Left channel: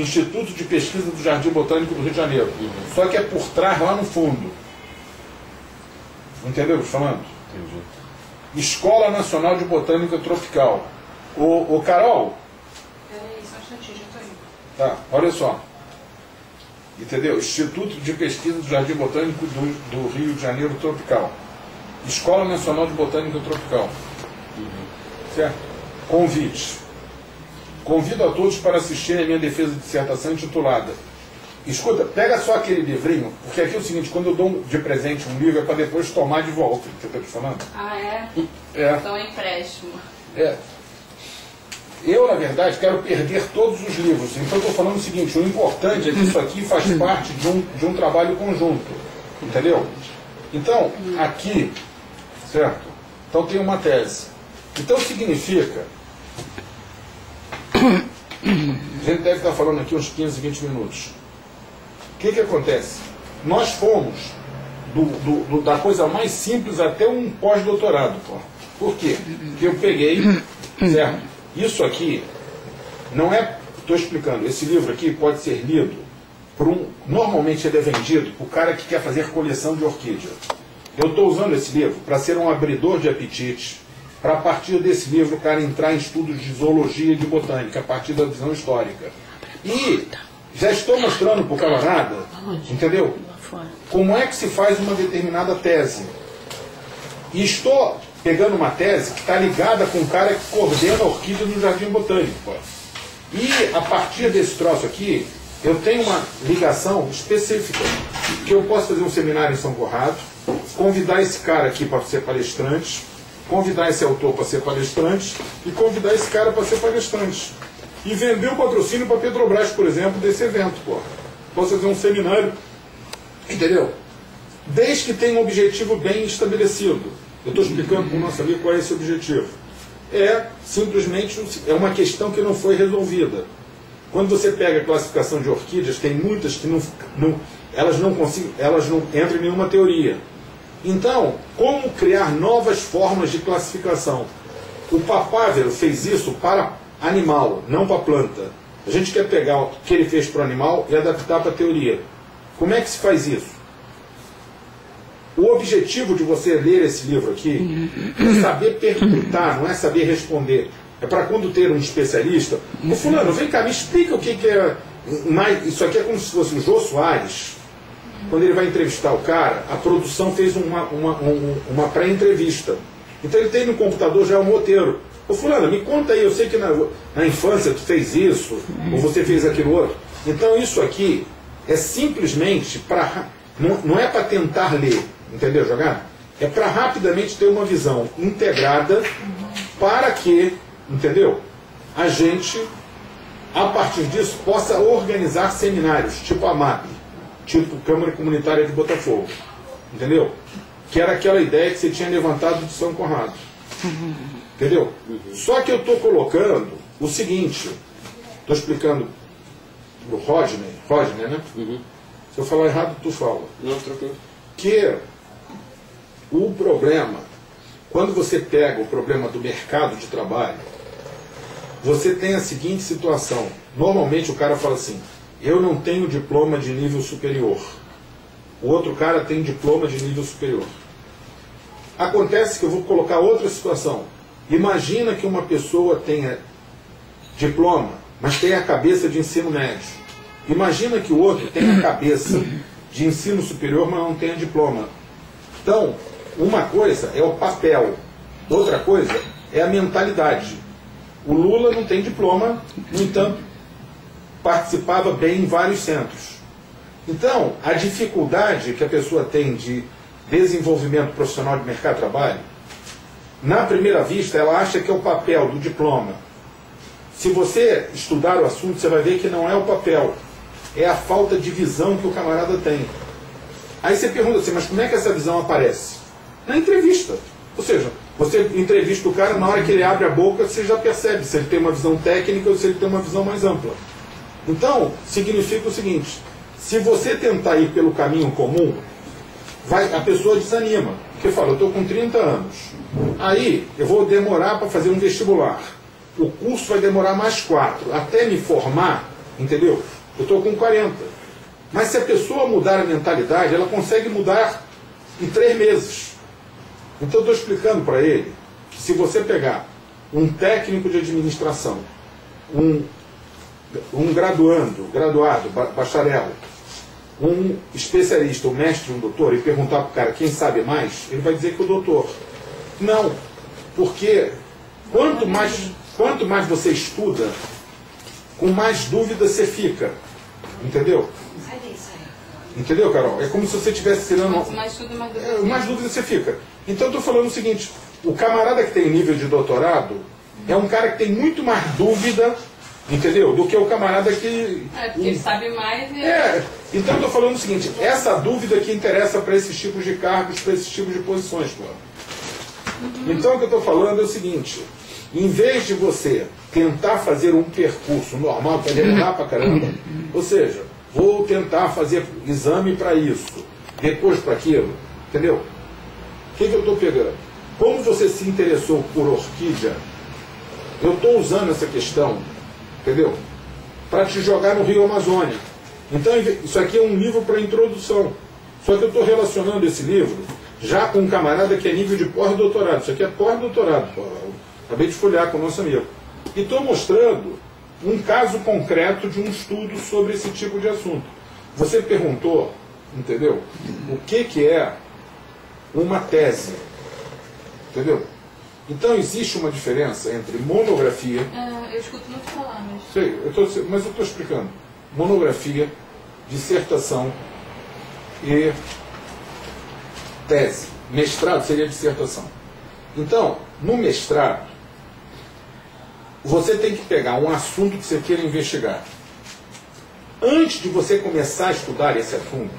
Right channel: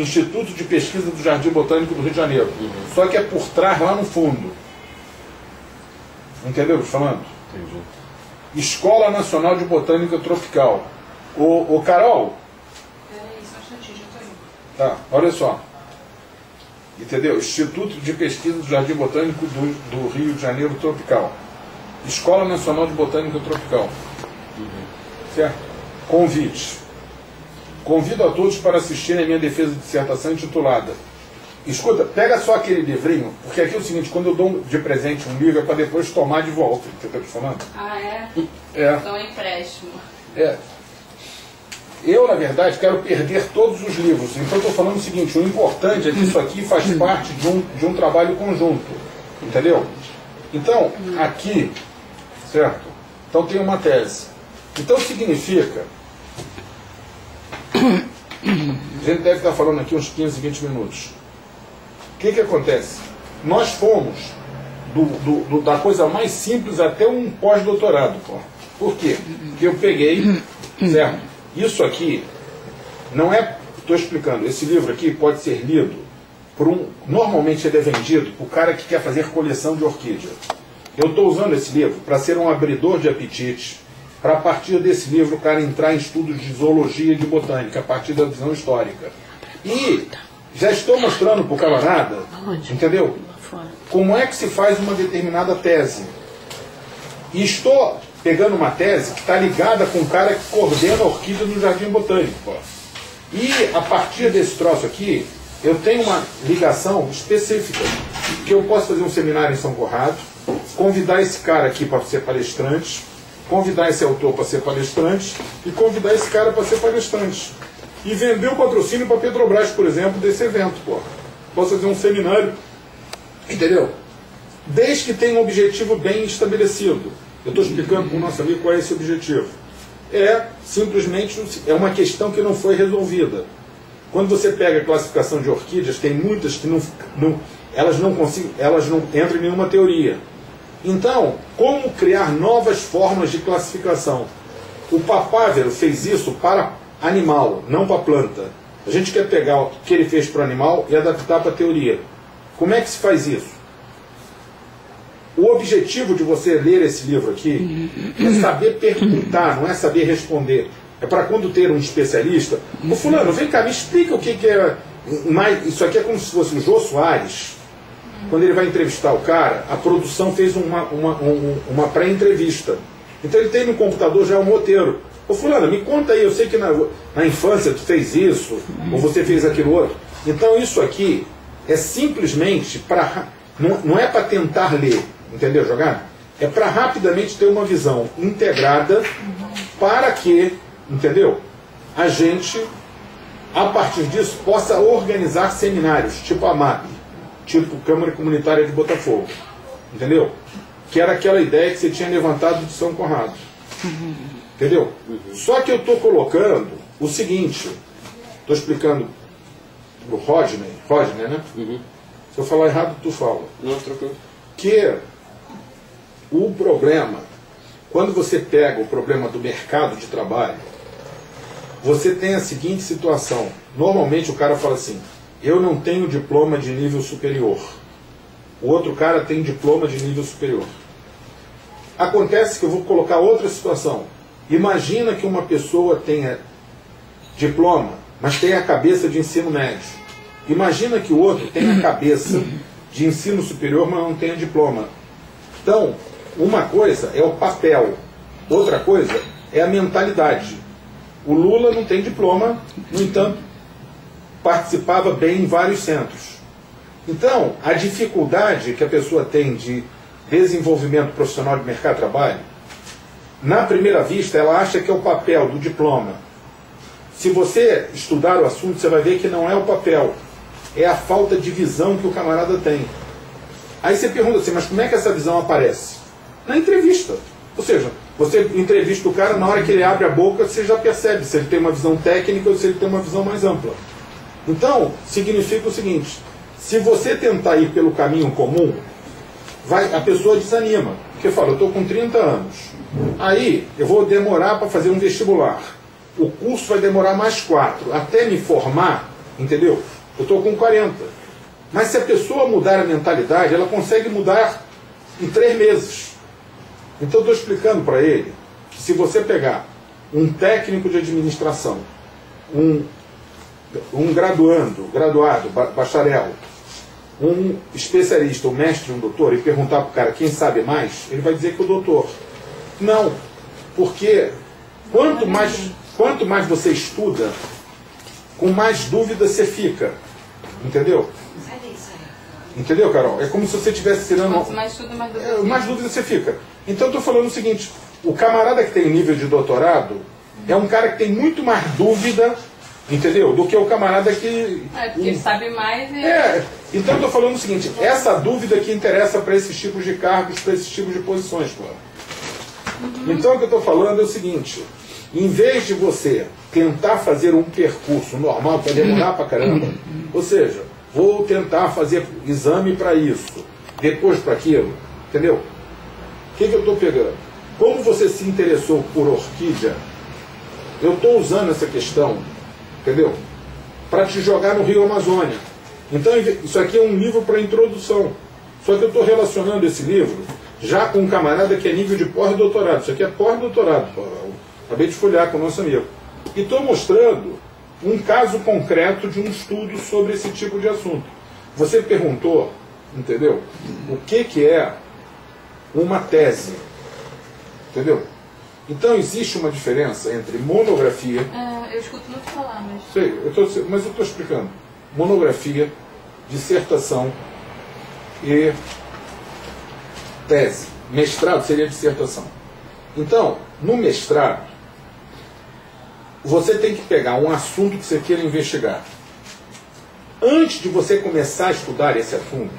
Instituto de Pesquisa do Jardim Botânico do Rio de Janeiro. Só que é por trás, lá no fundo. Entendeu o que eu estou falando? Entendi. Escola Nacional de Botânica Tropical. Ô Carol. Peraí, só um instantinho, já estou indo. Tá, olha só. Entendeu? Instituto de Pesquisa do Jardim Botânico do Rio de Janeiro Tropical. Escola Nacional de Botânica Tropical. Certo? Convite. Convido a todos para assistirem a minha defesa de dissertação intitulada. Escuta, pega só aquele livrinho, porque aqui é o seguinte, quando eu dou de presente um livro é para depois tomar de volta. Entendeu o que eu estou falando? Ah, é? É. Então é empréstimo. É. Eu, na verdade, quero perder todos os livros. Então, eu estou falando o seguinte, o importante é que isso aqui faz parte de um trabalho conjunto. Entendeu? Então, aqui, certo? Então, tem uma tese. Então, significa... A gente deve estar falando aqui uns 15, 20 minutos. O que acontece? Nós fomos da coisa mais simples até um pós-doutorado. Por quê? Porque eu peguei, certo? Isso aqui não é... Estou explicando. Esse livro aqui pode ser lido por um... Normalmente ele é vendido por cara que quer fazer coleção de orquídea. Eu estou usando esse livro para ser um abridor de apetite, para a partir desse livro o cara entrar em estudos de zoologia e de botânica, a partir da visão histórica. E já estou mostrando para o camarada, entendeu? Como é que se faz uma determinada tese. E estou pegando uma tese que está ligada com o cara que coordena a orquídea no Jardim Botânico. E a partir desse troço aqui, eu tenho uma ligação específica, que eu posso fazer um seminário em São Conrado, convidar esse cara aqui para ser palestrante, convidar esse autor para ser palestrante e convidar esse cara para ser palestrante. E vender o patrocínio para a Petrobras, por exemplo, desse evento. Posso fazer um seminário, entendeu? Desde que tenha um objetivo bem estabelecido. Eu estou explicando para o nosso amigo qual é esse objetivo. É simplesmente uma questão que não foi resolvida. Quando você pega a classificação de orquídeas, tem muitas que elas não entram em nenhuma teoria. Então, como criar novas formas de classificação? O Papávero fez isso para animal, não para planta. A gente quer pegar o que ele fez para o animal e adaptar para a teoria. Como é que se faz isso? O objetivo de você ler esse livro aqui é saber perguntar, não é saber responder. É para quando ter um especialista... Ô fulano, vem cá, me explica o que é... Isso aqui é como se fosse o Jô Soares. Quando ele vai entrevistar o cara, a produção fez uma pré-entrevista. Então ele tem no computador já um roteiro. Ô fulano, me conta aí, eu sei que na infância tu fez isso, ou você fez aquilo outro. Então isso aqui é simplesmente para... Não é para tentar ler, entendeu, jogar? É para rapidamente ter uma visão integrada para que, entendeu, a gente, a partir disso, possa organizar seminários, tipo a MAP, tipo Câmara Comunitária de Botafogo, entendeu? Que era aquela ideia que você tinha levantado de São Conrado, entendeu? Só que eu estou colocando o seguinte, estou explicando o Rodney, né? Se eu falar errado, tu fala. Não, tranquilo. Que o problema, quando você pega o problema do mercado de trabalho, você tem a seguinte situação. Normalmente o cara fala assim, eu não tenho diploma de nível superior. O outro cara tem diploma de nível superior. Acontece que eu vou colocar outra situação. Imagina que uma pessoa tenha diploma, mas tenha a cabeça de ensino médio. Imagina que o outro tenha a cabeça de ensino superior, mas não tenha diploma. Então, uma coisa é o papel, outra coisa é a mentalidade. O Lula não tem diploma, no entanto, participava bem em vários centros. Então, a dificuldade que a pessoa tem de desenvolvimento profissional de mercado de trabalho, na primeira vista, ela acha que é o papel do diploma. Se você estudar o assunto, você vai ver que não é o papel, é a falta de visão que o camarada tem. Aí você pergunta assim, mas como é que essa visão aparece? Na entrevista. Ou seja, você entrevista o cara, na hora que ele abre a boca, você já percebe se ele tem uma visão técnica ou se ele tem uma visão mais ampla. Então, significa o seguinte, se você tentar ir pelo caminho comum, a pessoa desanima. Porque fala, eu estou com 30 anos, aí eu vou demorar para fazer um vestibular. O curso vai demorar mais 4. Até me formar, entendeu? Eu estou com 40. Mas se a pessoa mudar a mentalidade, ela consegue mudar em 3 meses. Então eu estou explicando para ele que se você pegar um técnico de administração, um graduado, bacharel, um especialista, um mestre, um doutor, e perguntar para o cara quem sabe mais, ele vai dizer que o doutor. Não, porque quanto mais você estuda, com mais dúvida você fica. Entendeu? Entendeu, Carol? É como se você estivesse tirando... Quanto mais estuda, mais dúvida você fica. Então eu estou falando o seguinte, o camarada que tem nível de doutorado é um cara que tem muito mais dúvida, entendeu? Do que o camarada que... porque ele sabe mais e... Então eu estou falando o seguinte, essa dúvida que interessa para esses tipos de cargos, para esses tipos de posições, pô. Então o que eu estou falando é o seguinte, em vez de você tentar fazer um percurso normal para demorar para caramba, ou seja, vou tentar fazer exame para isso, depois para aquilo, entendeu? O que eu estou pegando? Como você se interessou por orquídea, eu estou usando essa questão, entendeu? Para te jogar no Rio Amazônia. Então isso aqui é um livro para introdução. Só que eu estou relacionando esse livro já com um camarada que é nível de pós-doutorado. Isso aqui é pós-doutorado, acabei de folhear com o nosso amigo. E estou mostrando um caso concreto de um estudo sobre esse tipo de assunto. Você perguntou, entendeu? O que é uma tese? Entendeu? Então existe uma diferença entre monografia... eu escuto muito falar, mas... Sei, mas eu estou explicando. Monografia, dissertação e tese. Mestrado seria dissertação. Então, no mestrado, você tem que pegar um assunto que você queira investigar. Antes de você começar a estudar esse assunto,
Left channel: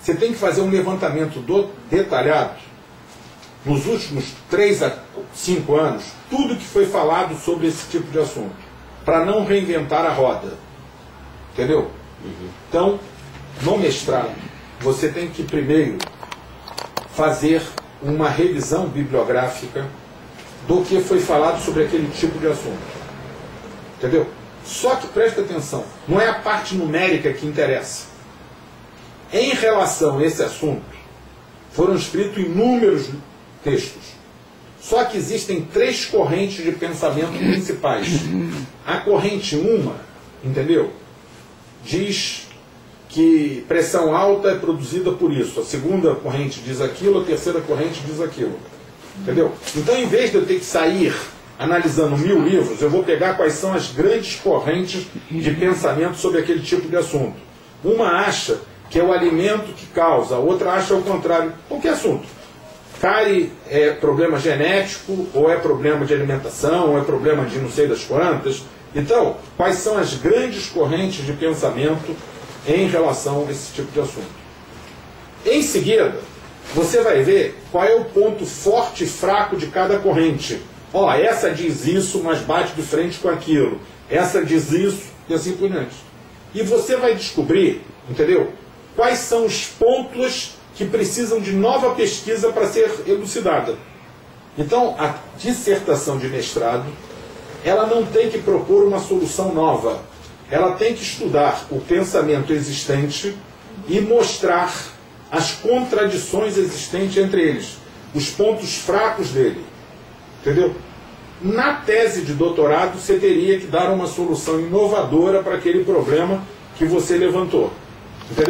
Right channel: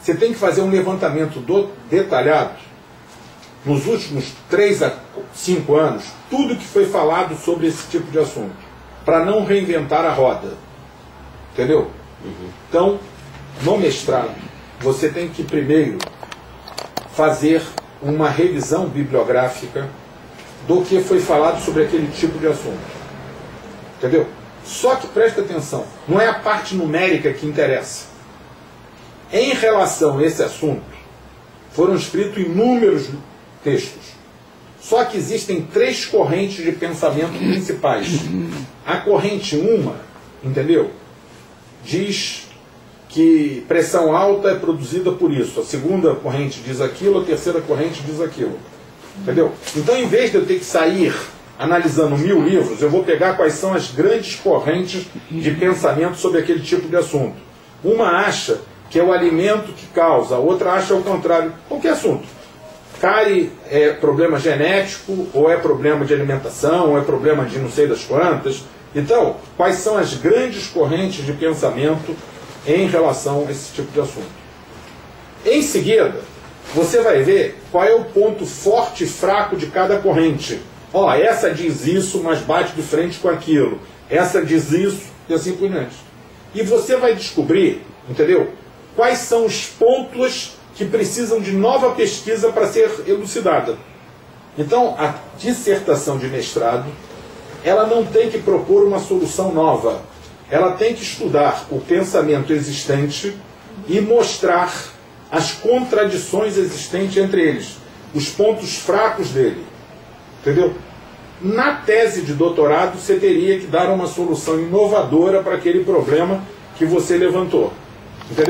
você tem que fazer um levantamento detalhado nos últimos 3 a 5 anos, tudo que foi falado sobre esse tipo de assunto, para não reinventar a roda. Entendeu? Então, no mestrado, você tem que primeiro fazer uma revisão bibliográfica do que foi falado sobre aquele tipo de assunto. Entendeu? Só que presta atenção, não é a parte numérica que interessa. Em relação a esse assunto, foram escritos inúmeros textos. Só que existem 3 correntes de pensamento principais. A corrente 1, entendeu? Diz que pressão alta é produzida por isso. A segunda corrente diz aquilo, a terceira corrente diz aquilo. Entendeu? Então, em vez de eu ter que sair analisando 1000 livros, eu vou pegar quais são as grandes correntes de pensamento sobre aquele tipo de assunto. Uma acha que é o alimento que causa, a outra acha o contrário. Qualquer assunto. Cárie é problema genético, ou é problema de alimentação, ou é problema de não sei das quantas. Então, quais são as grandes correntes de pensamento em relação a esse tipo de assunto? Em seguida, você vai ver qual é o ponto forte e fraco de cada corrente. Ó, essa diz isso, mas bate de frente com aquilo. Essa diz isso, e assim por diante. E você vai descobrir, entendeu? Quais são os pontos que precisam de nova pesquisa para ser elucidada. Então, a dissertação de mestrado, ela não tem que propor uma solução nova. Ela tem que estudar o pensamento existente e mostrar as contradições existentes entre eles, os pontos fracos dele. Entendeu? Na tese de doutorado, você teria que dar uma solução inovadora para aquele problema que você levantou. Entendeu?